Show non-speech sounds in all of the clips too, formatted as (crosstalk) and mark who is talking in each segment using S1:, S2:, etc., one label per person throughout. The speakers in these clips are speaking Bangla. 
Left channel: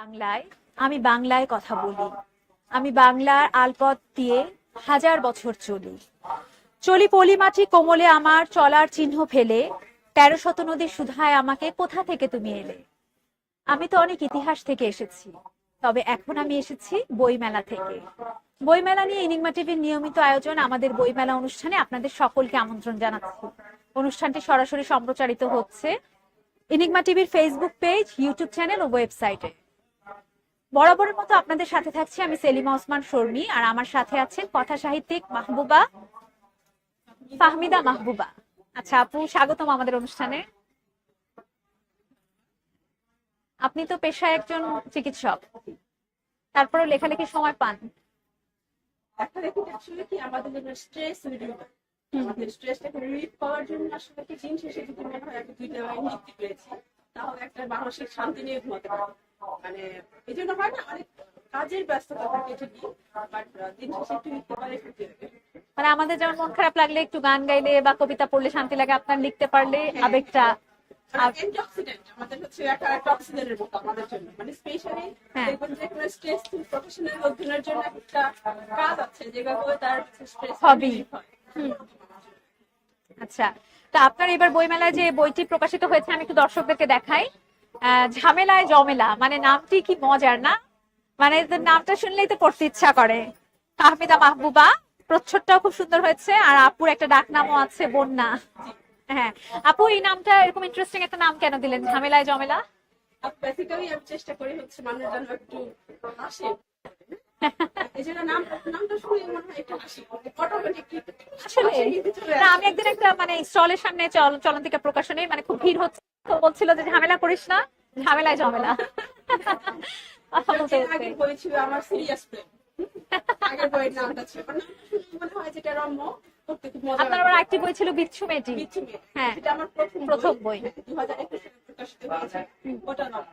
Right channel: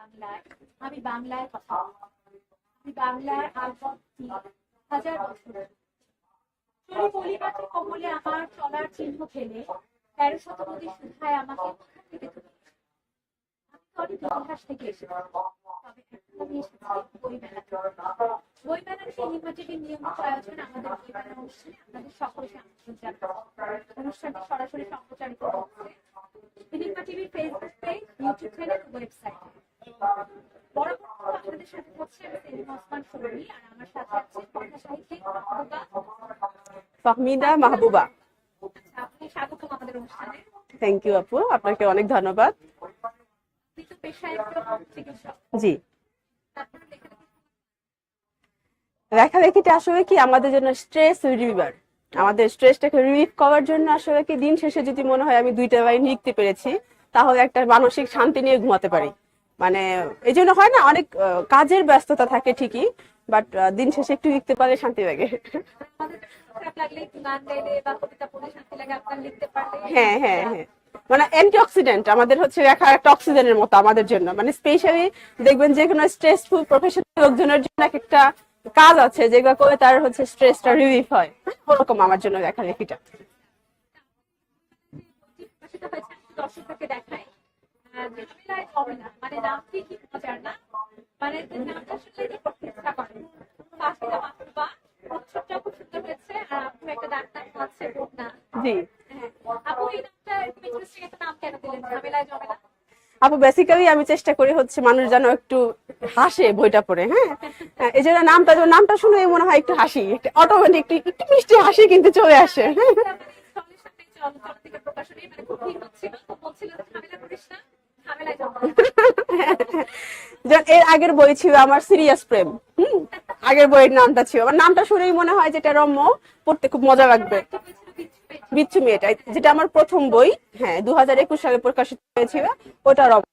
S1: বাংলায় আমি বাংলায় কথা বলি। আমি বাংলার আলপথ দিয়ে হাজার বছর চলি। চলি পলিমাটি কোমলে আমার চলার চিহ্ন ফেলে, তেরো শত নদীর সুধায় আমাকে কোথা থেকে তুমি এলে? আমি তো অনেক ইতিহাস থেকে এসেছি, তবে এখন আমি এসেছি বইমেলা থেকে। বইমেলা নিয়ে ইনিংমা টিভির নিয়মিত আয়োজন আমাদের বইমেলা অনুষ্ঠানে আপনাদের সকলকে আমন্ত্রণ জানাচ্ছি। অনুষ্ঠানটি সরাসরি সম্প্রচারিত হচ্ছে ইনিংমা টিভির ফেসবুক পেজ ইউটিউব চ্যানেল ও ওয়েবসাইটে বরাবরের মতো আপনাদের সাথে থাকছি আমি সেলিমা ওসমান শর্মী আর আমার সাথে আছেন কথা সাহিত্যিক মাহবুবা
S2: মাহবুবা।
S1: মাহবুবা। আচ্ছা আপু স্বাগতম আমাদের অনুষ্ঠানে।
S2: থ্যাংক ইউ আপু। আপনাকে অনেক ধন্যবাদ।
S1: আপনি তো পেশায় একজন চিকিৎসক।
S2: জি।
S1: তারপরে লেখালেখির সময় পান।
S2: লেখালেখিটা আসলে কি? আমাদের জন্য স্ট্রেস রিলিভার আমাদের স্ট্রেসটাকে রিলিভ করার জন্য আসলে কি? দিন শেষে যদি মনে হয় আমি দুইটা লাইন লিখতে পেরেছি তাহলে একটা মানসিক শান্তি নিয়ে ঘুমাতে পারি। মানে এই জন্য হয় না অনেক কাজের ব্যস্ততা থাকে ঠিকই বাট দিন শেষে একটু লিখতে পারলে শান্তি লাগে।
S1: মানে আমাদের যেমন মন খারাপ লাগলে একটু গান গাইলে বা কবিতা পড়লে শান্তি লাগে আপনার লিখতে পারলে
S2: হ্যাঁ হ্যাঁ হ্যাঁ। মানে অ্যান্টিঅক্সিডেন্ট আমাদের হচ্ছে লেখা একটা অক্সিজেনের মতো আমাদের জন্য। মানে স্পেশালি
S1: হ্যাঁ।
S2: দেখবেন যে কোনো স্ট্রেসফুল প্রফেশনাল লোকজনের জন্য একটা কাজ আছে যেগুলো করে তার হচ্ছে স্ট্রেসটা রিলিফ হয়। ওরকম আমার জন্য লেখালেখিটা
S1: আচ্ছা। তা আপনার এবার বইমেলায় যে বইটি প্রকাশিত হয়েছে আমি একটু দর্শকদেরকে দেখাই। ঝামেলায় জমেলা। মানে নামটি কি মজার না? মানে নামটা শুনলেই তো পড়তে ইচ্ছা করে। আহমেদা মাহবুবা প্রচ্ছদটাও খুব সুন্দর হয়েছে আর আপুর একটা ডাক নামও আছে বন্যা।
S2: জি।
S1: হ্যাঁ। আপু এই নামটা এরকম ইন্টারেস্টিং একটা নাম কেন দিলেন? ঝামেলায় জমেলা?
S2: আপু বেসিক্যালি আমি চেষ্টা করি হচ্ছে মানুষ যেন একটু হাসে বইটা পড়ে হ্যাঁ? হ্যাঁ, এই জন্য নামটা নামটা শুনে মনে হয় একটু হাসি অটোমেটিক একটু মিষ্টি হাসি কিন্তু চলে আসে।
S1: একবার একটা মানে স্টলের সামনে চল চলন্তিকা প্রকাশনে মানে খুব ভিড় হচ্ছিল তো বলছিল যে ঝামেলা করিস না ঝামেলায় জমেলা (laughs)
S2: যে- এর আগের বই ছিল আমার সিরিয়াস প্রেম আগের বইয়ের নামটা ছিল। আমার নামটা শুনেই মনে হয় যেটা রম্য পড়তে খুব মজা লাগবে।
S1: একটি বই ছিল বিচ্ছু মেয়েটি।
S2: বিচ্ছু মেয়েটা
S1: হ্যাঁ।
S2: যেটা আমার প্রথম বই। হ্যাঁ দু একুশ সালে প্রকাশিত হয়েছিল ওটা রম্য।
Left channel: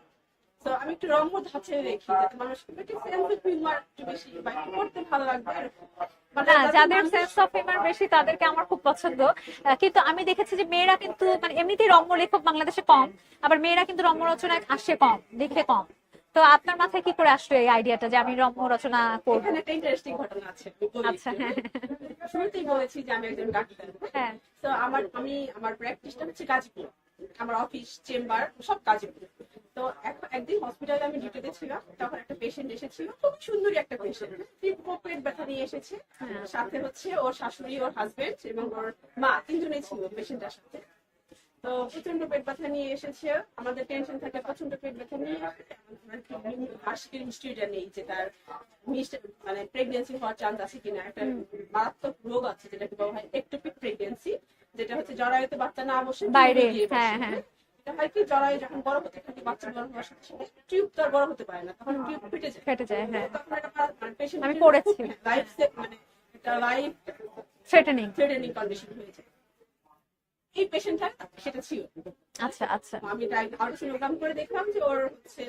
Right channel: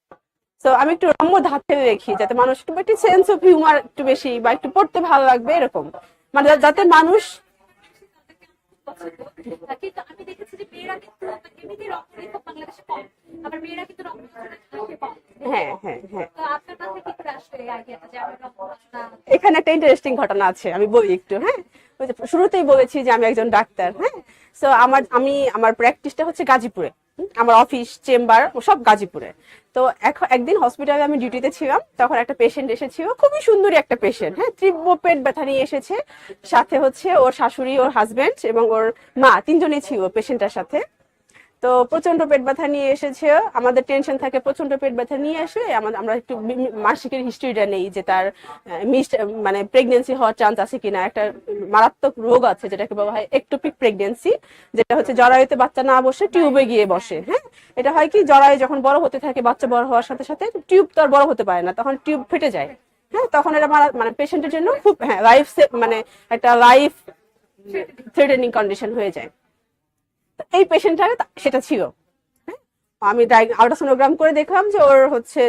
S2: তো আমি একটু রম্য ধাঁচে রেখি যাতে মানুষ একটু একটু সেন্স অফ হিউমার একটু বেশি বা একটু পড়তে ভালো লাগবে এরকম। মানে
S1: হ্যাঁ,
S2: যাতে মানুষ
S1: of বেশি তাদেরকে আমার খুব পছন্দ। কিন্তু আমি দেখেছি যে মেয়েরা কিন্তু মানে এমনিতেই রম্য লেখক বাংলাদেশে কম আবার মেয়েরা কিন্তু রম্য রচনায় আসে কম দেখে
S2: হ্যাঁ
S1: কম।
S2: হ্যাঁ
S1: তো আপনার মাথায় কি করে আসলো এই আইডিয়াটা যে আমি রম্য রচনা
S2: এখানে একটা ইন্টারেস্টিং ঘটনা আছে আমি বলি
S1: আচ্ছা।
S2: একটু হ্যাঁ? শুরুতেই বলেছি যে আমি একজন ডাক্তার হ্যাঁ? সো আমার আমি আমার প্র্যাকটিসটা হচ্ছে গাজীপুরে। আমার অফিস চেম্বার সব গাজীপুরে। তো এখন একদিন হসপিটালে আমি ডিউটিতে ছিলাম, তখন একটা পেশেন্ট এসেছিল, খুবই সুন্দরী একটা পেশেন্ট হ্যাঁ তীব্র পেট ব্যথা নিয়ে এসেছে। সাথে হচ্ছে ওর শাশুড়ি, ওর হাজবেন্ড এবং ওর মা, তিনজনই ছিল পেশেন্টের সাথে। তো প্রচণ্ড পেট ব্যথা নিয়ে এসেছে। আমাদের টেনশন থাকে প্রচণ্ড পেট ব্যথা নিয়ে এসে আমাদের আমরা একটু মাসিকের হিস্ট্রিটা নেই যে তার মিস মানে প্রেগনেন্সি হওয়ার চান্স আছে কিনা। একটা মারাত্মক রোগ আছে যেটাকে বলা হয় একটোপিক প্রেগনেন্সি যেটা হচ্ছে জরায়ুতে বাচ্চা না বসে টিউবে গিয়ে
S1: হ্যাঁ,
S2: বসে
S1: হ্যাঁ।
S2: হ্যাঁ? এটা হয় কি জরায়ু যখন বড় হতে থাকে বাচ্চা বড় হওয়ার সাথে সাথে টিউব তো আর বড় হতে পারে না তখন টিউব ফেটে যায়। হ্যাঁ তখন এটা মানে পেশেন্টের জন্য খুব হ্যাঁ লাইফ মানে একটা লাইফ
S1: থ্রেটেনিং
S2: থ্রেটেনিং কন্ডিশন হয়ে যায়। এই পেশেন্টটা সেটা ছিল।
S1: আচ্ছা আচ্ছা।
S2: আমি আল্ট্রাসোনোগ্রাম করে দেখলাম যে ওর হচ্ছে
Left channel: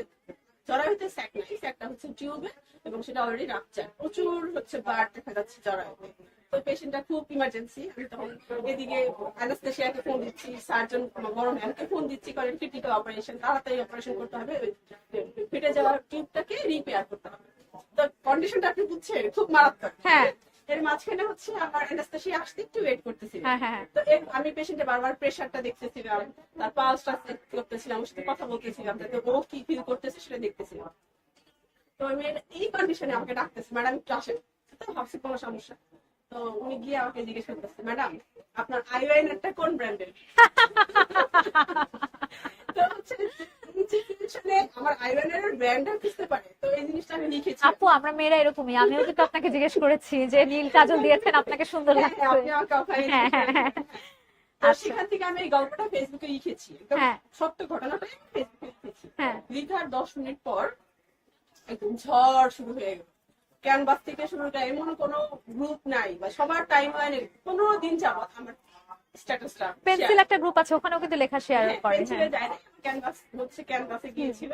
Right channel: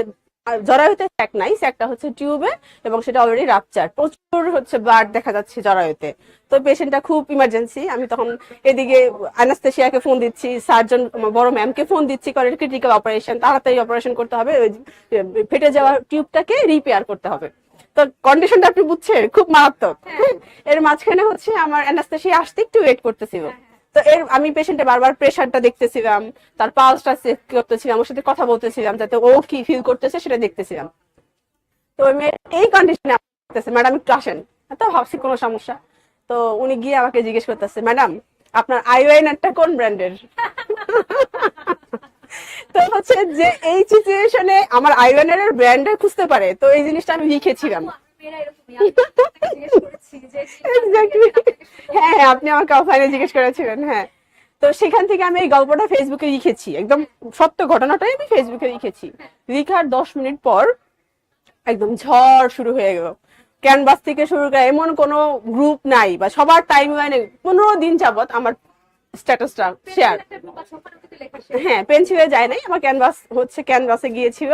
S2: জরায়ুতে স্যাক নাই স্যাকটা হচ্ছে টিউবে এবং সেটা অলরেডি রাপচার প্রচুর হচ্ছে ব্লাড দেখা যাচ্ছে জরায়ুতে। তো পেশেন্টটা খুব ইমার্জেন্সি আমি তখন এদিকে অ্যানাস্থেশিয়াকে ফোন দিচ্ছি সার্জন বড় ম্যামকে ফোন দিচ্ছি কারণ ক্রিটিক্যাল অপারেশন তাড়াতাড়ি অপারেশন করতে হবে ওই ফেটে যাওয়া টিউবটাকে রিপেয়ার করতে হবে। তো কন্ডিশনটা আপনি বুঝছেন খুব মারাত্মক।
S1: হ্যাঁ।
S2: এর মাঝখানে হচ্ছে আমার অ্যানাস্থেশিয়া আসতে একটু ওয়েট করতেছিল।
S1: হ্যাঁ হ্যাঁ
S2: তো এর আমি পেশেন্টে বারবার প্রেশারটা দেখতেছিলাম তার পালসটা চেক করতেছিলাম ওর সাথে কথা বলতেছিলাম যাতে ও কি ফিল করতেছে সেটা দেখতেছিলাম। তো মেয়ে এই কন্ডিশনে আমাকে ডাকতেছে ম্যাডাম একটু আসেন। তো ভাবছি কোনো সমস্যা। তো উনি গিয়ে আমাকে জিজ্ঞেস করতেছে ম্যাডাম আপনার আইলাইনারটা কোন ব্র্যান্ডের তো হচ্ছে যে এই সিচুয়েশনে আমার আইলাইনারের ব্র্যান্ডে খুঁজতে পারে তো এই জিনিসটা আমি লিখেছিলাম
S1: আপু আমরা মেয়েরা এরকমই। আমিও কিন্তু আপনাকে জিজ্ঞেস করেছি যে নীল (laughs) কাজল দিয়েছেন আপনাকে সুন্দর
S2: হ্যাঁ হ্যাঁ, আপনি আমাকে অফলাইনে জিজ্ঞেস
S1: হ্যাঁ, হ্যাঁ,
S2: করেছিলেন হ্যাঁ। তো সেখান থেকে আমি এই গল্পটা ফেসবুকে লিখেছি একদম
S1: হ্যাঁ।
S2: সত্য ঘটনাটাই আমি ফেসবুকে লিখেছি
S1: হ্যাঁ
S2: লিখার দশ মিনিট পর একদম ঝড় শুরু হয়ে গেল। ক্যানভাস থেকে শুরু করে এমন কোনো গ্রুপ নাই বা সবার টাইম লাইনে পনেরো দিন যাবত আমার স্ট্যাটাসটা
S1: পেন্সিল একটা গ্রুপ আছে ওখানেও কিন্তু লেখা শেয়ার
S2: হ্যাঁ পেন্সিলে যায়। নাই আমার ক্যানভাস হচ্ছে ক্যানভাসে গিয়েছিল।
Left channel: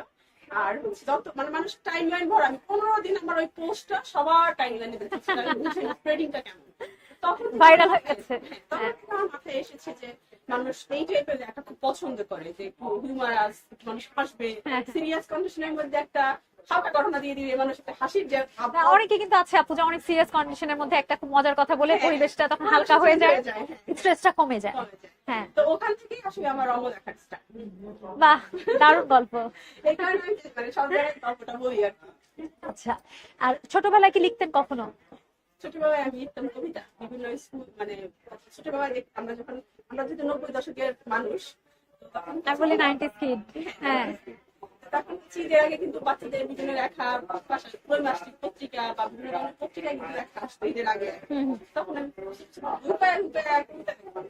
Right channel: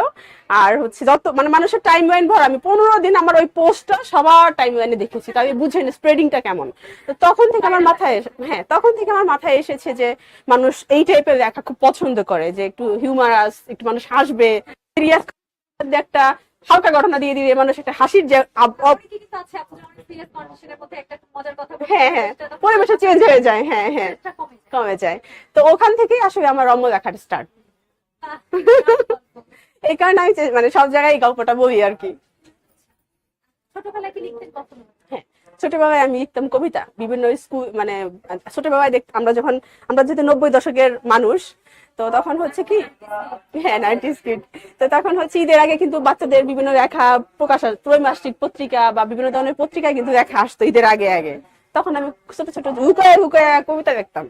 S2: আর হচ্ছে যত মানে মানুষের টাইম লাইন ভর আমি পনেরো দিন আমার ওই পোস্টটা সবার টাইম লাইনে দেখেছি তাই বুঝেন স্প্রেডিংটা কেমন। তো তখন থেকে আমার মাথায়। হ্যাঁ তখন থেকে আমার মাথায় এসেছে যে মানুষ এই টাইপের লেখা খুব পছন্দ করে যে একটু হিউমারাস একটু মানুষ হাসবে।
S1: হ্যাঁ।
S2: সিরিয়াস কন্ডিশনের মধ্যে একটা হালকা ঘটনা দিয়ে দিবে মানুষ একটা হাসির যে
S1: অনেকে কিন্তু আছে আপু যে অনেক সিরিয়াস কন্ডিশনের মধ্যে একটা খুব মজার কথা বলে
S2: হ্যাঁ হ্যাঁ।
S1: পরিবেশটা তখন
S2: পরিবেশটা চেঞ্জ হয়ে যায়। হ্যাঁ হ্যাঁ।
S1: স্ট্রেসটা কমে যায়।
S2: কমে যায়।
S1: হ্যাঁ।
S2: তো ওখান থেকেই আসলে আমার রম্য স্টার্ট
S1: বাহ দারুণ গল্প। (laughs)
S2: এই কারণে আমি মানে সব জায়গায় এই গল্পটা বলি আর কি।
S1: আচ্ছা আর ছোটবেলায় কি লিখতেন কখনো?
S2: ছোটবেলায় আমি লিখতাম কবিতা বিভিন্ন স্কুল মানে ছোটবেলায় দেখ আমরা যখন আমরা যেহেতু নব্বই দশকের মানুষ তো তখন হচ্ছে কি? হ্যাঁ নাইনটিস কিড তো তখন হচ্ছে ঈদের আগে কিন্তু বাচ্চাদের বিভিন্ন লেখা প্রকাশ ত্রৈমাসিক পত্রিকা বা বিভিন্ন ধরনের পত্রিকায় কিন্তু লেখা আসতো ঈদের আগে আগে। তখন আমি ছোট ছোট হুকায় হুকায় কবিতা লিখতাম।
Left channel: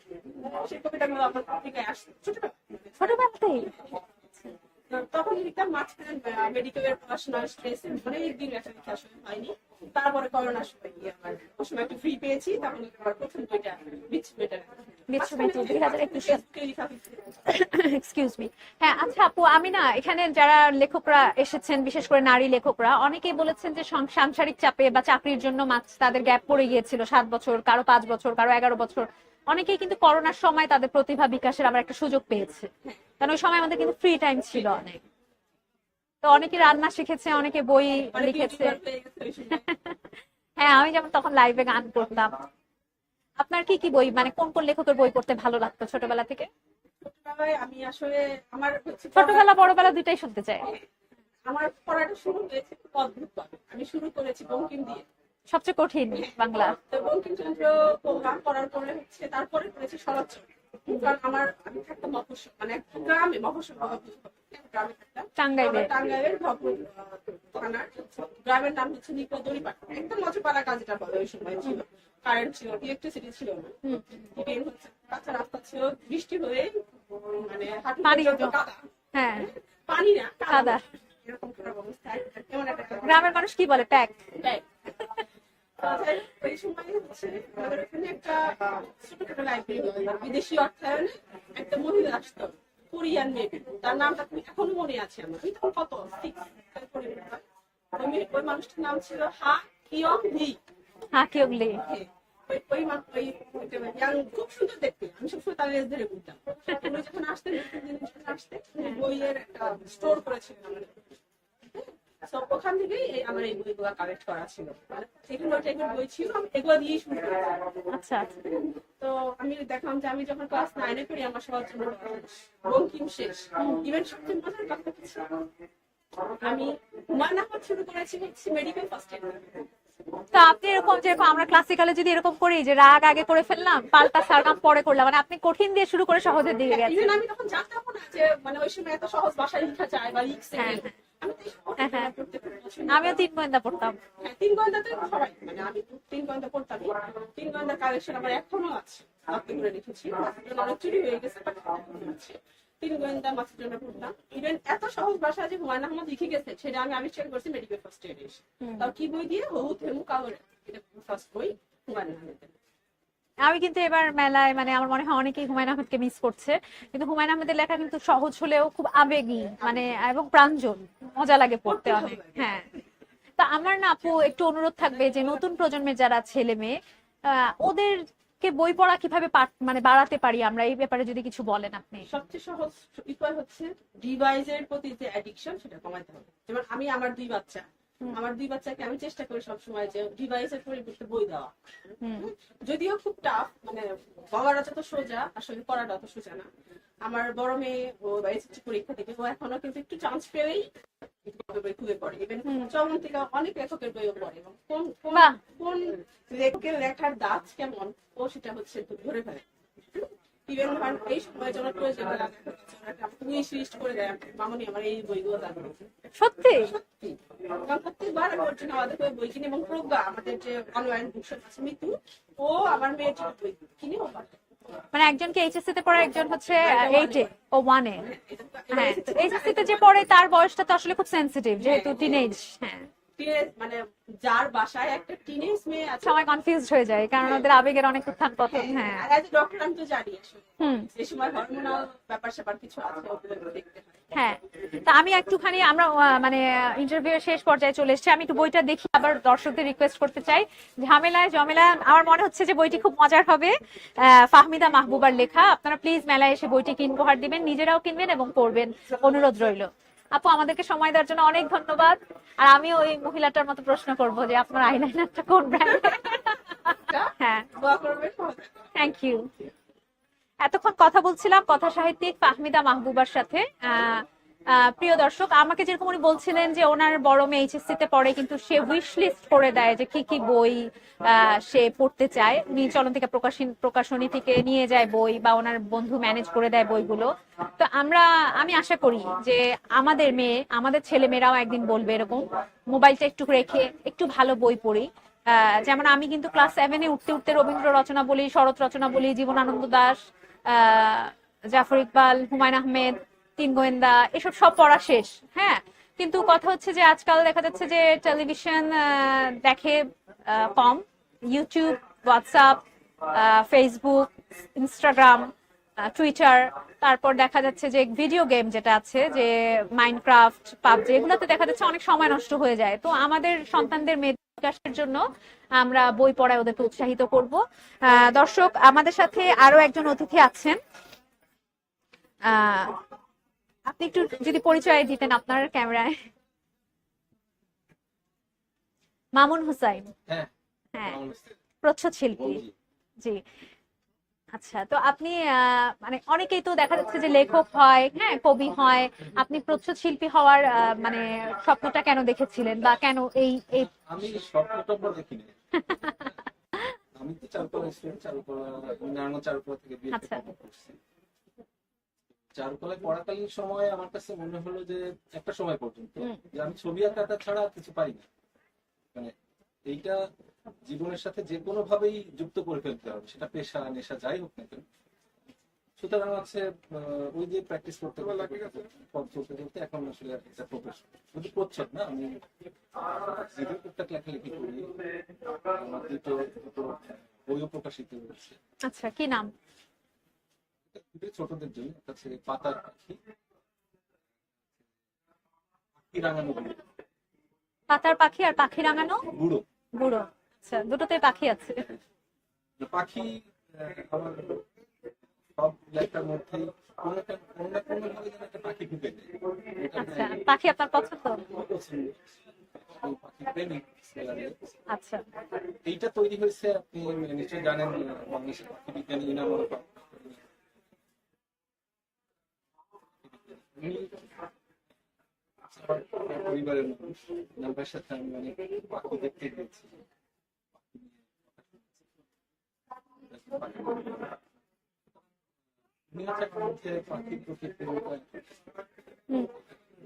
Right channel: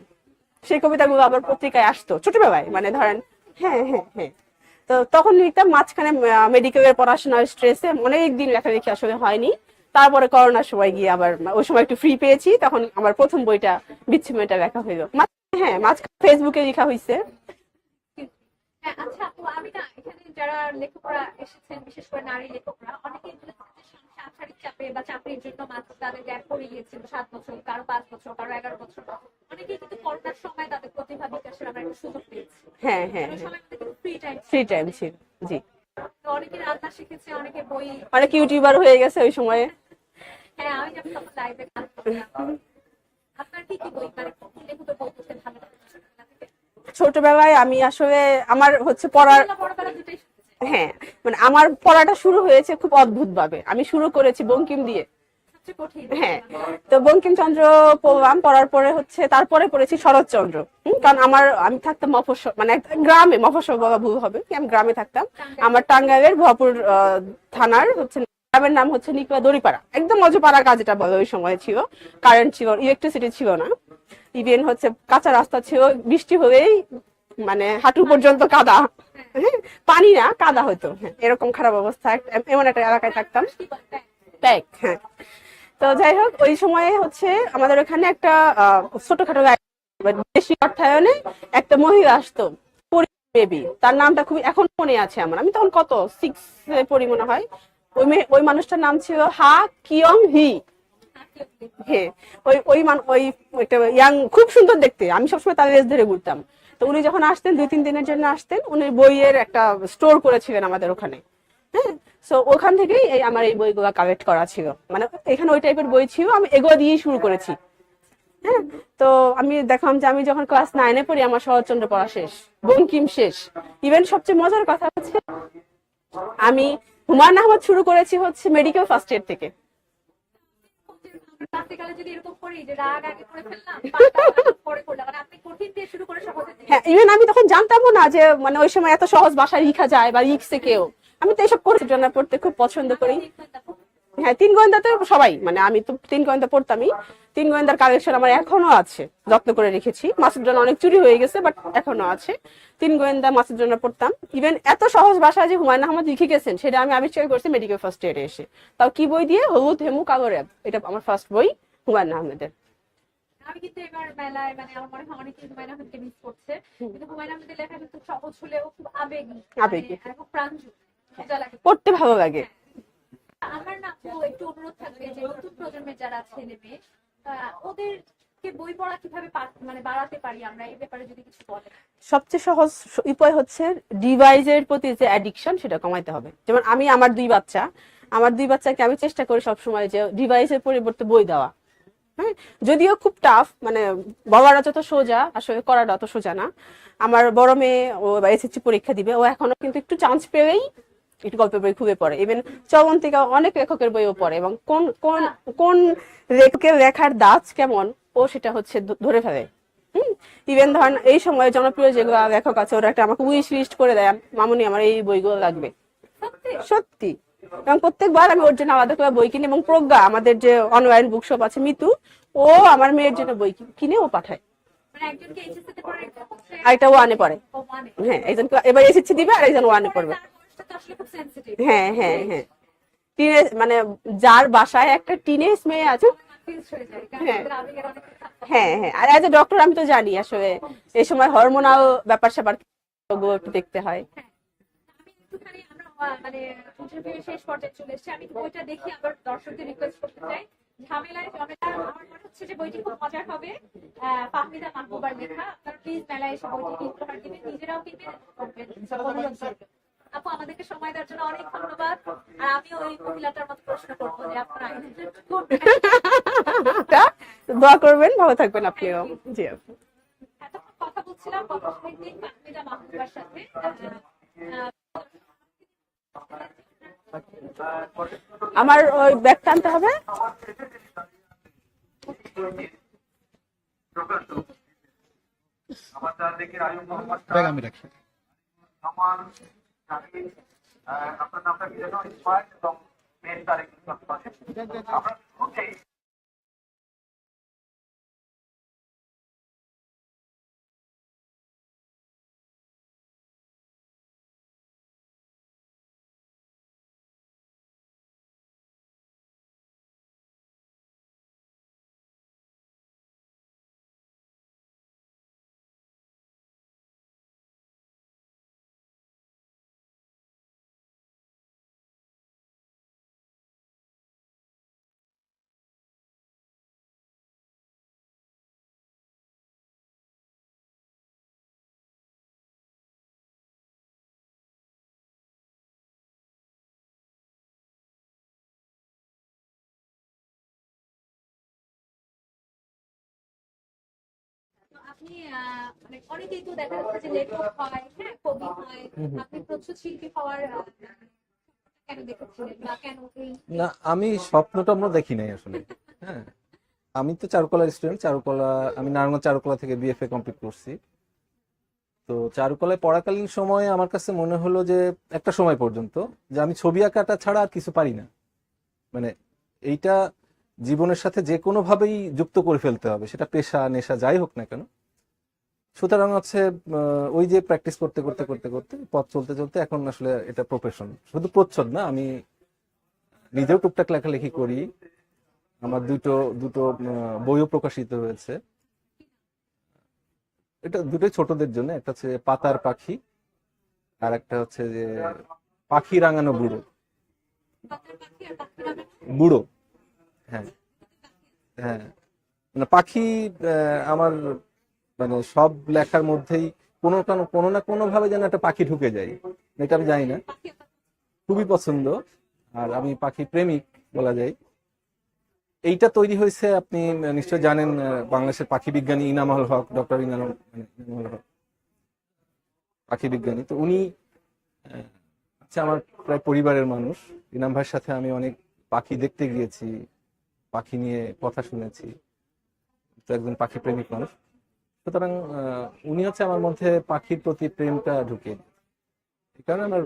S2: সেই কবিতাগুলো আবার পত্রিকায় আসতো ছোটবেলায়। মানে ধরেন? হ্যাঁ হ্যাঁ হ্যাঁ। তো তখন লিখতাম মাঝখানে মেডিকেলের পড়াশোনার স্ট্রেসে অনেক দিন লেখালেখি আসলে হয়নি। তারপরে করোনার সময় গিয়ে আবার ওই সময় একটু ফ্রি পেয়েছি তখন আমার প্রথম বইটা বিচ্ছু মেয়েটা লেখা হইল। হ্যাঁ ফেসবুকে লেখা হয়েছে
S1: এক্সকিউজ মি হ্যাঁ আচ্ছা আপু আমি না এখানে যারা লেখকরা এসেছেন বিশেষ করে নারী লেখকরা অনেকেই বলেছেন যে সাংসারিক চাপে বা চাকরির জন্য মাঝ তাদের গ্যাপ পড়ে গিয়েছিল সাত বছর কারও পাঁচ বছর কারও এগারো বছর। অনেকেই কিন্তু করোনার সময় তাদের প্রতিভা বিকাশের আবার একটা সুযোগ পেয়েছে।
S2: হ্যাঁ হ্যাঁ
S1: কারণ ওই সময় আমাদের কিন্তু ফ্রি টাইম
S2: ফ্রি টাইম ছিল জি।
S1: তো অনেকে রান্না শিখেছে অনেকে বই
S2: অনেক ইউটিউবার হয়ে গেছে ওই সময়ে। (laughs)
S1: হ্যাঁ আমি যেমন তখন লাইভে গান করতাম। আপনার কি কি বই মানে কোন কোন লেখকের বই পড়তে ভালো লাগতো ছোটবেলা থেকে?
S2: ছোটবেলায় আমি আসলে আমার হচ্ছে
S1: পড়াবেলা বড়বেলা দুইটাই শুনতে চাই।
S2: হ্যাঁ মানে আমার পড়াটা শুরু হয়েছে খুব অদ্ভুত ভাবে আমি শুরু করেছি বঙ্কিম দিয়ে।
S1: সবচেয়ে কঠিন
S2: হ্যাঁ।
S1: বাংলা।
S2: তো বঙ্কিমচন্দ্র পড়লাম পড়ার পরে হচ্ছে তারপরে পড়েছি শরৎচন্দ্র। হুম, কারণ আমার আমি থাকতাম মফস্বল মানে গ্রামে মফস্বল বলা ভুল হবে কি আমি গ্রামে থাকতাম। আমার টাঙ্গাইলের ভপুর থানার হচ্ছে গ্রামের নাম হচ্ছে নিকলা দড়িপাড়া। একদম মজপাড়া কাজ এটা বলে ওই সময় ছিল। কারেন্ট ছিল ইলেকট্রিসিটি ছিল না। ইভেন হচ্ছে কাঁচা রাস্তা ছিল বৃষ্টি হলেই মানে হাঁটু পর্যন্ত কাদা।
S1: হ্যাঁ।
S2: হ্যাঁ, পানি না কাদা। হতো। হ্যাঁ, এরকম খারাপ অবস্থা। এমন একটা এলাকায়
S1: কি বলে? প্যাক
S2: ব্যাগ হ্যাঁ। তো যাই হোক ওই সময়ে হচ্ছে আমাদের ওখানে একটা আহ, ছোটখাটো বিদেশি অর্থায়নে একটা মহিলা আসতো কোরিয়ান বেবি তার নামটা খুবই এখন মনে আছে আমার। আমি তখন কত? সিক্স পড়ি মনে হয়। ওই ওই মানুষটার নাম ছিল হা কিয়ং হি। ওই ওই ওই একটা ইয়াং খুব সুন্দর দেখতে। আমি সবসময় তার রেস ধরে ঘুরতাম। তো উনি যখন আসতেন দুই তিন দিনের জন্য আসতেন উনি বইয়ের একটা স্টোর করেছিলেন আমাদের ওখানে। হ্যাঁ? তো ওখান থেকেই এই আমার এই বইগুলো কালেক্ট করা ছিল। মানে এখানে ওই টাইপের বই ছিল আমি এগুলো দিয়েই শুরু করেছি।
S1: আচ্ছা
S2: হ্যাঁ? তো আমি দেখলাম যে আমি যখন ক্লাস নাইনে পড়ি আমার শরৎচন্দ্র পড়া শেষ বঙ্কিম শেষ। ইভেন সবচেয়ে মজার কথা হচ্ছে আমি হুমায়ুন আহমদ শুরু করেছি হচ্ছে মেডিকেল ফার্স্ট এড থেকে।
S1: তো আপনি এরকম যেরকম আমরা ক্লাসিক্যালে যদি এরকম করি যে রাগ আগে করে ফেললাম পাল্টা পরে করলাম মানে আপনি কঠিন দিয়ে শুরু করে সহজে দিয়ে
S2: হ্যাঁ ইভেন আমি তখন জানতামও না যে মানে ওই সময় এত সহজ ভাষায় লিখা যায় বা লিখছে
S1: হ্যাঁ,
S2: কেউ। আমি তো এসব করে জন্য পড়তে খুব পছন্দ
S1: আমি
S2: করি।
S1: তিন গোয়েন্দা পড়তাম।
S2: হ্যাঁ তিন গোয়েন্দাতে সবাই মানে আমি তো তিন গোয়েন্দা পড়তামই। তিন গোয়েন্দার কালেকশন আমার এখনও আছে যত্ন করে রেখেছি। মাসুদ রানা অনেক চুরি হয়ে গেছে বাট এখনও আছে। তিন গোয়েন্দা মাসুদ জন্য পড়তাম। ইভেন এত সহজ ভাষায় যে হুমায়ুন আহমদ লিখে গেছেন সেটা আমি আবিষ্কার করছি মেডিকেল ফার্স্ট ইয়ারে এসে। তাও কি বই দিয়ে? হলুদ হেমু কালো র্যাব এটা আমার ফার্স্ট বই হুমায়ুন আহমেদের।
S1: আমি কিন্তু এবার মেলায় মানে আমার মনে হয় অনেকেই হুমায়ুন আহমেদকে মিস করছে। কিন্তু হুমায়ুন আহমেদের লেখা কিন্তু সহজ হলেও খুব আবেগী মানে এবং প্রাঞ্জল মজা লাগে
S2: পড়তে ভালো লাগে।
S1: হ্যাঁ। তা আমার না আপু একটু অনুরোধ থাকবে যে নতুন প্রজন্মের যারা ছেলে মেয়ে আহ, ওদেরকে বই পড়া কীভাবে মানে বাড়াতে পারি আমরা? এই ব্যাপারে যদি কিছু বলেন আপনি।
S2: সবচেয়ে সহজ উপায় হচ্ছে ডিভাইসের প্রতি যে অ্যাডিকশন সেটা কমাইতে হবে। যেমন আমি আমার দুই বাচ্চা। আমার দুই বাচ্চাকে আমি চেষ্টা করি সবসময় যে ডিভাইসের পরিবর্তে বই দেওয়া। যদিও খুব টাফ মানে বলাটা যত সোজা আসলে করাটা অত সোজা না। আমার বড় মেয়ে ও এসএসসি পরীক্ষা দিবে ও এখনও কিন্তু একটু চান্স পেয়েই একটু গল্পের বই খুবই পড়ে। ইভেন চবন্তিকা অনেক লেখকের বইও পড়ে এবং কোন কোন কোন লেখকের লেখার দাজ কেমন ও সেটা হচ্ছে ধরে ফেলে। ইভেন ধরেন এই সময় জনপ্রিয় যেগুলো লেখক আছে ওরা একটা আমাকে উইশ লিস্ট করে দেয় মামুনি আমার এই বইগুলো লাগবে।
S1: সত্যি?
S2: সত্যি। এবং প্রত্যেকবার আমি ওর জন্য আলাদা করে বই কিনি এবং প্রজ্ঞা আমাদের যে অনলাইন বুকশপ আছে মিতু ও আমার মেয়ের জন্য বই কিনে ও পাঠায়
S1: মানে একজনকে এইচএসসি তে পড়ে একজন হচ্ছে
S2: আরেকটা
S1: ওয়ানে
S2: পড়ে।
S1: ও ওয়ানে
S2: হ্যাঁ একজন এবার এসএসসি দিবে আর একজন ওয়ানে
S1: পরে তার বয়সটা তো আসলে খুব সেনসিটিভ
S2: হ্যাঁ, হ্যাঁ, হ্যাঁ।
S1: হ্যাঁ
S2: মানে যার বাসায় একটা টিনেজ মেয়ে আছে।
S1: সবাই কনফিউজড হয়ে যায় কারণ
S2: হ্যাঁ।
S1: আবেগের অনেক উত্থান পতন
S2: হ্যাঁ হ্যাঁ। আর এজ এ ডক্টর আমি তো জানি আসলে। এই সময় হরমোনাল ব্যাপার স্যাপার কিছু আছে ওগুলো একটু দেখতে হয়।
S1: হ্যাঁ। তা আমি একটুখানি আমরা মানে ইন্টারভিউ শেষ পর্যায়ে চলে এসেছি। আমি একটু বইটা দেখি আবার দর্শকদের রিকোয়েস্ট করতে চাই। ঝামেলায় জমেলা আমার মনে হচ্ছে যে বইটি খুব মজার হবে। ফাহমিদা মাহবুবার লেখা। আপনারা প্লিজ মেলায় এসে বইটি কিনবো হার দিবেন নিজেরাও কিনবেন এবং পড়বেন। অনুরোধ রইল। আপু আমাদেরকে সময় দেওয়ার জন্য অনেক ধন্যবাদ। আর আমি ওই মহিলাটার মতো প্রশ্ন করব যে আপনার আইলাইনারটা কোন ব্র্যান্ড হ্যাঁ।
S2: দোয়া করবেন ভালো থাকবেন
S1: ইউ
S2: জি আপু।
S1: এতক্ষণ কথা বলছিলাম কথা সাহিত্যিক ফাহমিদা মাহবুবার সাথে। আহ, প্রিয় দর্শক আমাকে যেরকম উনি বলছিলেন যে ওনার বড় মেয়ে এইচএসসি তে পড়ে কিন্তু সে
S2: আমার
S1: করে দেয় যে কি কি বই আহ, সে পড়তে চায়। উনি চলন্তিকা প্রকাশন প্রকাশনী থেকে নিয়ে যায় বই বা ওনার বন্ধু ম্যানেজ করে দেয় বইগুলো। তো আমরা আমি আশা করি যে আমাদের মেয়ে আমাদের ছেলে মেয়েরাও একদিন বলবে এরকম মোবাইলটা একটু রেখে একটু ভালো বই পড়ি। আহ, যেমন আমি কিন্তু ক্লাস সেভেনে উঠতে উঠতে রবীন্দ্র রচনা বলি শরৎ রচনা বলি জীবনানন্দ দাস আহ, জাফর ইকবাল হুমায়ুন আহমেদ তিন গোয়েন্দা, এসব সব পড়া শেষ হ্যাঁ? কিন্তু কথা হচ্ছে যে আজকাল দেখা যাচ্ছে যে টেলিভিশন দেখে কম। YouTube WhatsApp Facebook Instagram Twitter তারপর দেখা যাচ্ছে যে ভিডিও গেম যেটা আছে, যে মাইনক্রাফট পাবজি, এগুলোতে দেখা যাচ্ছে অনেক সময় নষ্ট হয়ে যায়। তো আমাদের সন্তানদের মেধা বিকাশের জন্য আমরা বই পড়ায় ওদেরকে উৎসাহিত করব। দর্শক, আমাদের সাথে আরও একজন অতিথি আছেন। আপনি একটু যদি পরিচয় দিতেন আপনার ক্যামেরায়। মামুন হুসাইন।
S3: হ্যাঁ।
S1: হ্যাঁ প্রচ্ছদ শিল্পী জি। আচ্ছা তো আপনি মানে অনেকেই তো দেখা যাচ্ছে যে লেখক হয় হ্যাঁ কবি হয়। আপনি প্রচ্ছদ শিল্পী হওয়ার মানে স্বপ্নটা কেন দেখেছিলেন বা কেন এই
S3: আমি স্বপ্নটা আমরা দেখি নাই আসলে। হ্যাঁ আমি তো চারুকলা স্টুডেন্ট চারুকলা আমি নারায়ণগঞ্জ চারুকলা থেকে বিএফএ
S1: আচ্ছা।
S3: কমপ্লিট করছি। তো চারুকলায় পড়াকালীন সময়ে আমার কাছে মনে হলো যে একটা সময় পর্যন্ত যে আমি ছবি আঁকাটা ছাড়া আর কিছু পারি না। মানে এইটা জীবনের সাথে যে কোনো ভাবেই যুক্ত করে ফেলতে হবে সেটা পেশা নেশা যাই হোক না কেন। সুতরাং হচ্ছে ওই যে প্র্যাকটিস করতে করতে করতে করতে পথ চলতে চলতে এখন আসলে এটা প্রফেশন শুধু প্রচ্ছদ না আমি নিজেও টুকটাক লেখালেখি করি। আমার দুটো দুটো বইও প্রকাশিত হয়েছে।
S1: আচ্ছা কি নাম?
S3: এটা দুটোই ছোটদের জন্য একটা হচ্ছে পাতার পাখি আর একটা হচ্ছে যে পাখি রাঙানো বুড়ো।
S1: পাতার পাখি আর পাখি রাঙানো
S3: বুড়ো।
S1: বুড়ো।
S3: হ্যাঁ।
S1: আচ্ছা দুটোতে পাখি আছে।
S3: হ্যাঁ। মানে পাখি আমার মানে সব লেখার মধ্যেই কোনো কোনো কোনো না কোনো ভাবে যেন একটা পাখি ঢুকে যায়। এটা আমি জানি না।
S1: আচ্ছা, পাখি আপনার পছন্দ?
S3: খুবই পছন্দ। আর আমি পাখি প্রেমিক। বলা যায়।
S1: আচ্ছা।
S3: এইটা তৈরি হয়েছে আপনি নিশ্চয় জানেন বাংলাদেশের পাখি বিজ্ঞানী ইনামুল হক ডক্টর ইনামুল হক পাখি বিজ্ঞানী। তো উনি হচ্ছে আমার প্রায় পরিবারের মানুষ। ইনাম ভাইয়ের সাথে আমি অনেক পাখি দেখতে গিয়েছি পাখি নিয়ে কথা শুনেছি। তো একজন পাখি প্রেমিক মানুষ। সুতরাং উনি হচ্ছে আমার মধ্যে পাখির প্রতি প্রেমটা ঢুকে। কারণ আমার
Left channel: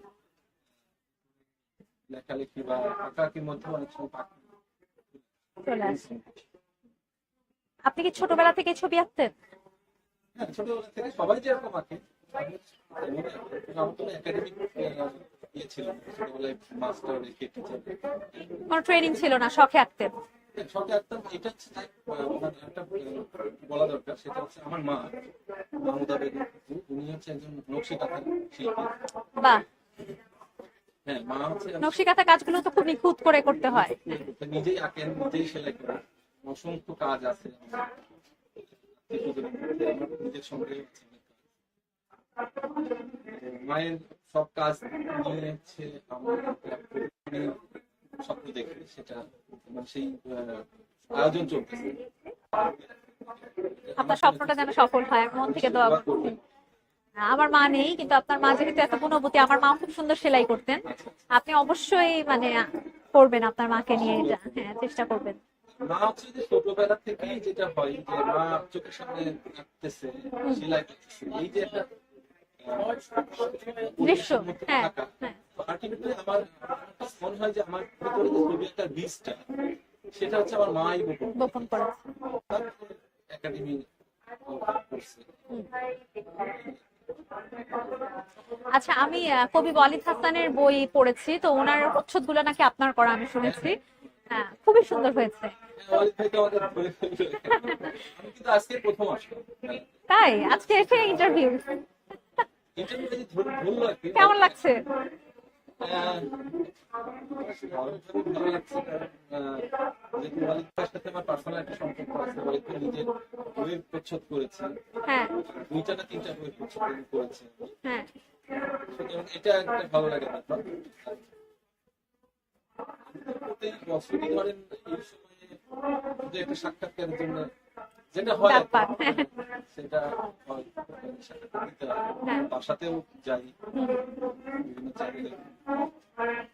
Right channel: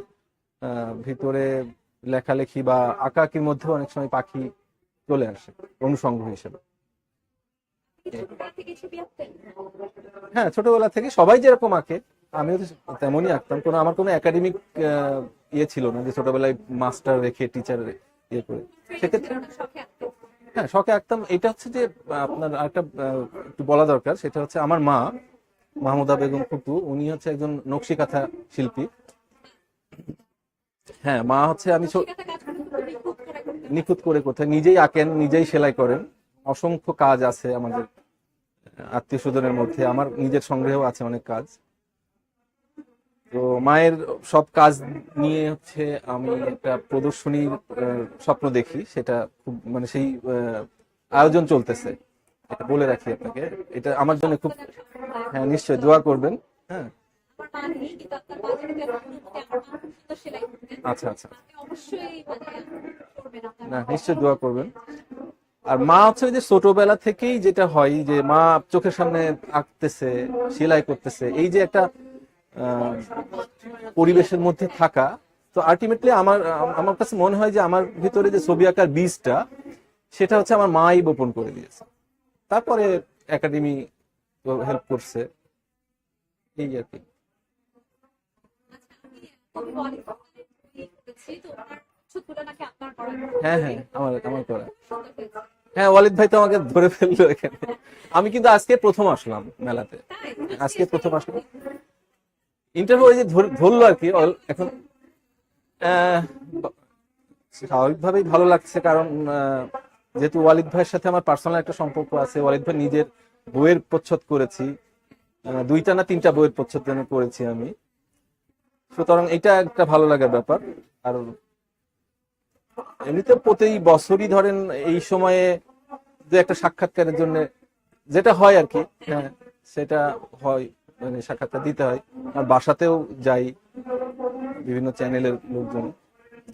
S3: ভিতরে লেখালেখি বা আঁকাআঁকির মধ্যেও অনেক সময় পাখি চলে আসে। অনুষঙ্গ হিসেবে।
S1: আপনি কি ছোটবেলা থেকে ছবি আঁকতেন?
S3: হ্যাঁ ছোটবেলা থেকে সবাই যেরকম আঁকে আমিও তেমনই আঁকতাম। কোনো আমার কোনো একাডেমিক ইয়ে ছিল না যে ছোটবেলায় মাস্টার রেখে টিচার ইয়ে করে।
S1: কোনো ট্রেনিং ছিল না শখে আঁকতেন?
S3: হ্যাঁ শখে আঁকতাম। এটা হচ্ছে যে আপনার একটা একটু বলা দরকার সেটা হচ্ছে আমার মা মাহমুদা বেগম ফুপু উনি হচ্ছে একজন নকশিকাঁথা শিল্পী।
S1: বাহ।
S3: হ্যাঁ মা হচ্ছে আমি
S1: নকশিকাঁথা কাজগুলো তো খুব নিখুঁত করে করতে হয়।
S3: নিখুঁত করে কোথায় নিজেই আঁকেন নিজেই সেলাই করেন। অসংখ্য কাজ আছে আমাদের আত্মীয় স্বজনের মধ্যে। আমার নিজের সংগ্রহেও আছে অনেক কাজ। তো মায়ের সব কাজ নিয়ে হচ্ছে আমি একটা প্রদর্শনীর স্বপ্ন দেখি। সেটা খুব মানে সেই আয়োজন চলতেছে। বলে রাখি আপনাকে। এটা আমার জন্য খুব
S1: সফল হয়
S3: হ্যাঁ নিশ্চয়ই
S1: দোয়া
S3: করবেন। হ্যাঁ।
S1: আমার মা নেই কিন্তু আপনার মা যে কিন্তু এত গুণবতী আমার মাও খুব সুন্দর সেলাই করতেন।
S3: আচ্ছা আচ্ছা।
S1: আপনি অবশ্যই মানে করবেন আপনার
S3: হ্যাঁ,
S1: মাকে নিয়ে। হ্যাঁ, চেষ্টা করবেন।
S3: আর মা হচ্ছে যে ছোটবেলা থেকেই যেটা হয় যে মা চোখের সামনে আঁকতেছে সেলাই করতেছে এই যে একটা পরিবেশের মধ্যে
S1: হ্যাঁ,
S3: থাকা। তো আলটিমেটলি আমার আমার কাছে মনে হয় যে আমার ভিতরে যে ছবি আঁকার বীজটা সেটা হচ্ছে আমার মাই বপন করে দিয়েছে। তারপরে একাডেমি হেল্প করছে। এই আর কি।
S1: আচ্ছা আমি কবি ওয়ালিদ হাসানের বই পড়েছি তো ওনার প্রচ্ছদগুলো নাকি আপনার করা আমি
S3: হ্যাঁ
S1: শুনেছি।
S3: হ্যাঁ
S1: হ্যাঁ,
S3: করা
S1: খুবই সুন্দর হয়েছে।
S3: হ্যাঁ ওয়ালিদ ভাই তো আমাকে ধরে ফেলল এখানে। আমি কিন্তু আজকে প্রথম আসলাম মেলাতে।
S1: তাই? আজকে
S3: প্রথম
S1: ইন্টারভিউ
S3: ইন্টারভিউ ওই যে ধরলো আর কি।
S1: কেমন
S3: এখন
S1: লাগছে
S3: স্বাভাবিকভাবেই ভালো লাগছে কারণ যেহেতু ওয়ালিদ ভাইয়ের সাথে আমার পার্সোনাল একটা সম্পর্ক আছে ওয়ালিদ ভাই নিজের বইয়ের প্রচ্ছদ করেছি।
S1: হ্যাঁ।
S3: দুইটা না তিনটা বইয়ের প্রচ্ছদ করেছি আমি।
S1: হ্যাঁ।
S3: সুতরাং এটা একটা ভালো লাগার ব্যাপার। আর এমনিতে প্রতি বছরই ধরেন এই সময়ে যে একটা সাক্ষাৎকারের জন্য যেটা হয় আর কি হ্যাঁ, সেটা হয় মানে সাক্ষাৎকার দিতে হয়। আর বাসাতেও যাই বিভিন্ন চ্যানেলের লোকজন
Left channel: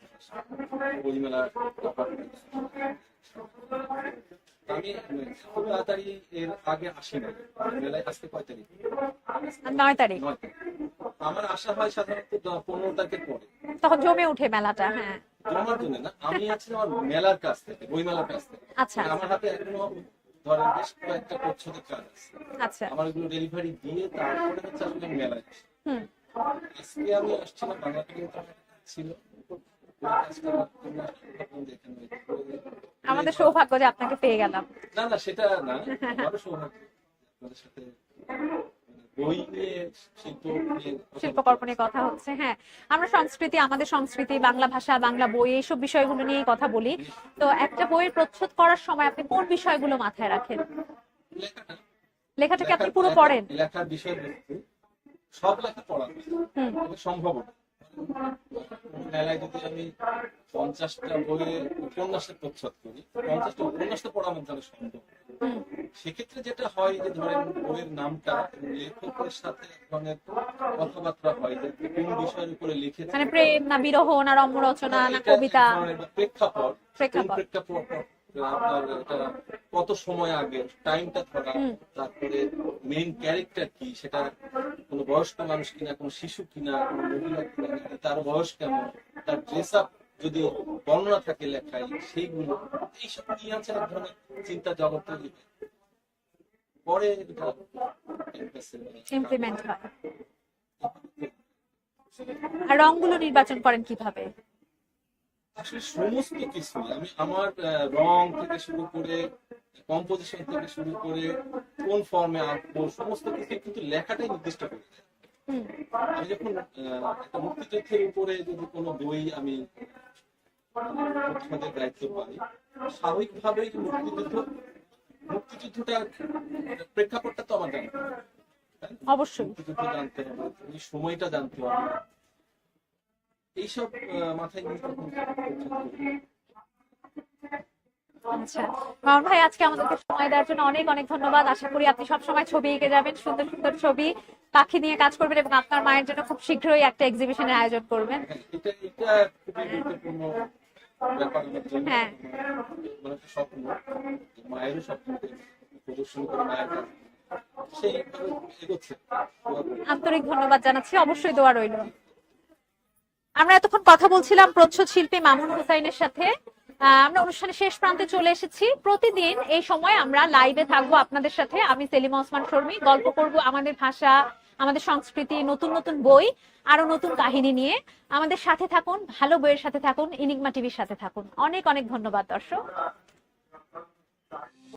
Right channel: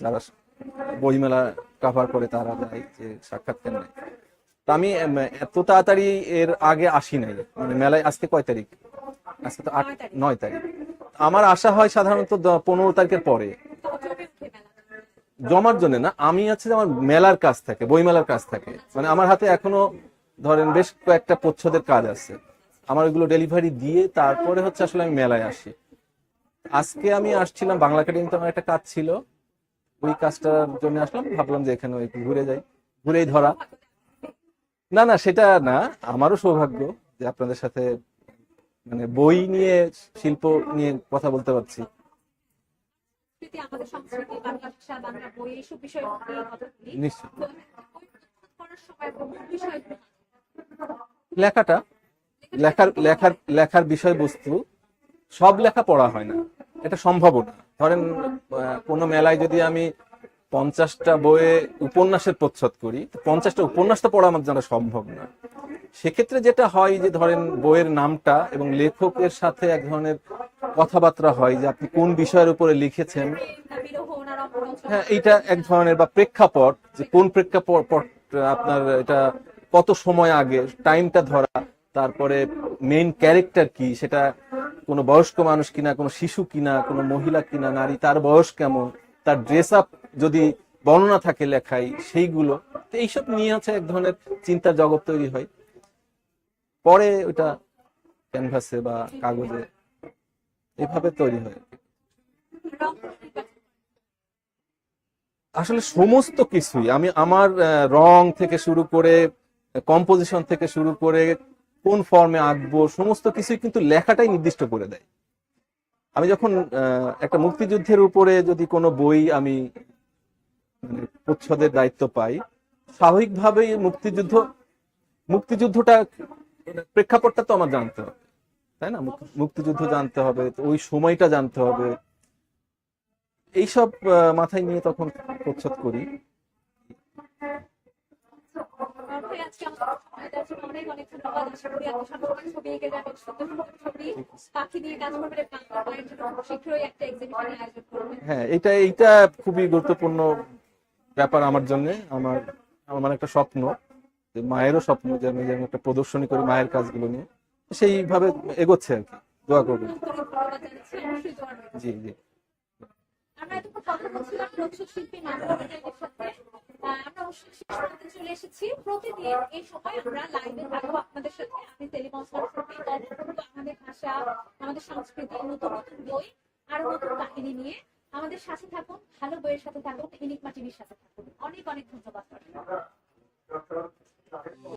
S3: যারা বইমেলা কাভার করে তারা যায় যে সাক্ষাৎকার নেয়। তা আমি এত তাড়াতাড়ি এর আগে আসি নাই। মানে মেলায় আজকে কয় তারিখ? আজকে তো
S1: নয় তারিখ।
S3: আমার আশা হয় সাধারণত পনেরো তারিখের পরে।
S1: তখন জমে উঠে মেলাটা হ্যাঁ।
S3: জমার জন্য না আমি আছে আমার মেলার কাজ থাকে বই মেলার কাজ থাকে।
S1: আচ্ছা।
S3: মানে আমার হাতে এখনও ধরেন বেশ কয়েকটা প্রচ্ছদের কাজ আছে।
S1: আচ্ছা।
S3: আমার ওইগুলো ডেলিভারি দিয়ে তারপরে হচ্ছে আসলে আমি মেলায় আসি। আজকে আমি আসছিলাম বাংলা একাডেমিতে আমার একটা কাজ ছিল। ওই কাজটার জন্য আসলাম ভাবলাম যে এখানে একটু ঘুরে যাই। ঘুরেই
S1: আমাদের
S3: ধরা।
S1: সৌভাগ্য যে আপনাকে পেয়ে গেলাম।
S3: না না সেটা না আমারও সৌভাগ্য যে আপনাদের সাথে মানে বই নিয়ে শিল্প নিয়ে কথা বলতে পারছি।
S1: কথা হচ্ছে হ্যাঁ। আমরা সংস্কৃতি আমাদের সংস্কৃতি বাংলা ভাষা বাংলা বই এইসব বিষয়গুলো নিয়েই কথা বলি। তো একটা বইয়ের প্রচ্ছদ করার সময় আপনি কোন বিষয়গুলো মাথায় রাখেন?
S3: লেখাটা। লেখার লেখার লেখার বিষয়বস্তু সব লেখা পড়া হয় না। এটা সম্ভব না। ধরেন কোনো মেলায় যদি আমি পঞ্চাশটা বইয়ে উপন্যাসের প্রচ্ছদ করি পঞ্চাশটা উপন্যাস তো পড়া আমার জানা সম্ভব না। সেক্ষেত্রে যেটা হয় যে ধরেন বইয়ের নামটা এবং লেখকের সাথে এক ধরনের কথাবার্তা হয় যে আপনি কোন বিষয়ের উপরে লিখেছেন।
S1: মানে
S3: হ্যাঁ, এটা এক ধরনের বা প্রেক্ষাপট কোন
S1: প্রেক্ষাপট।
S3: আপনার এটা কত সময় আগে টাইমটা ধরা তারপরে মেইন ক্যারেক্টার কি সেটা কোনো বয়স্ক মানুষ কিনা কোনো শিশু কিনা কোনো মহিলা কিনা নারী তার বয়স কেমন তার ড্রেস আপ যদি বর্ণনা থাকে লেখায় সেইগুলো তো এইসব নিয়ে হচ্ছে এক ধরনের চিন্তার জগৎ তৈরি হয়। পরে ওটা ক্যানভাসে বা কাগজে এভাবে তৈরি হয়।
S1: আর রংগুলো নির্বাচন করেন কীভাবে?
S3: আসলে সমস্ত কিছুই আমি আমার রং থেকে শুরু করে কম্পোজিশন থেকে শুরু করে কোন ফর্মে আঁকবো সমস্ত কিছুই কিন্তু লেখাটাই নির্দিষ্ট করে দেয়। আমি যখন আহ, একটা মুক্তিযুদ্ধের উপরে যদি কোনো বই আমি প্রচ্ছদের দায়িত্ব পাই। স্বাভাবিকভাবেই মুক্তিযুদ্ধ মুক্তিযুদ্ধটা প্রেক্ষাপটটা তো আমার জানতে হবে তাই না। মুক্তিযুদ্ধ জানতে হবে ওই সময়টা জানতে হবে। এইসব মাথায় নিয়ে তখন প্রচ্ছদ করি।
S1: আচ্ছা ভাই আজকে আমাদেরকে সময় দেওয়ার জন্য অনেক অনেক ধন্যবাদ। আশা করি আপনি সবসময় ছবি এঁকে যাবেন সুন্দর সুন্দর ছবি পাখি নিয়ে কাজ করবেন এবং আপনার মায়ের জন্য খুব শীঘ্রই একটা এক্সিবিশনের আয়োজন করবেন।
S3: হ্যাঁ এটা এইটা খুবই গুরুত্বপূর্ণ ব্যাপার আমার জন্য
S1: আমার
S3: আমার আমার একটা স্বপ্ন যে মায়েরও স্বপ্ন যে আমি যেন একটা প্রদর্শনী করি মায়ের কাজগুলো নিয়ে। সেইভাবে এগোচ্ছে আর কি দোয়া করব
S1: আন্তরিক ধন্যবাদ জানাচ্ছি অবশ্যই দোয়া রইল।
S3: জি জি।
S1: আমরা এতক্ষণ কথা বলছিলাম প্রচ্ছদ শিল্পী মামুন হুসাইনের সাথে। আমরা অনুষ্ঠানের শেষ প্রান্তে চলে এসেছি। প্রতিদিন এই সময় আমরা লাইভে থাকব আপনাদের সাথে। আমি সেলিমা ওসমান শর্মী, গল্প করব আমাদের ভাষা, আমাদের সংস্কৃতি, নতুন নতুন বই আরও নতুন কাহিনী নিয়ে। আমাদের সাথে থাকুন, ভালো বইয়ের সাথে থাকুন ইনিগমা টিভির সাথে থাকুন। অনেক অনেক ধন্যবাদ, দর্শক।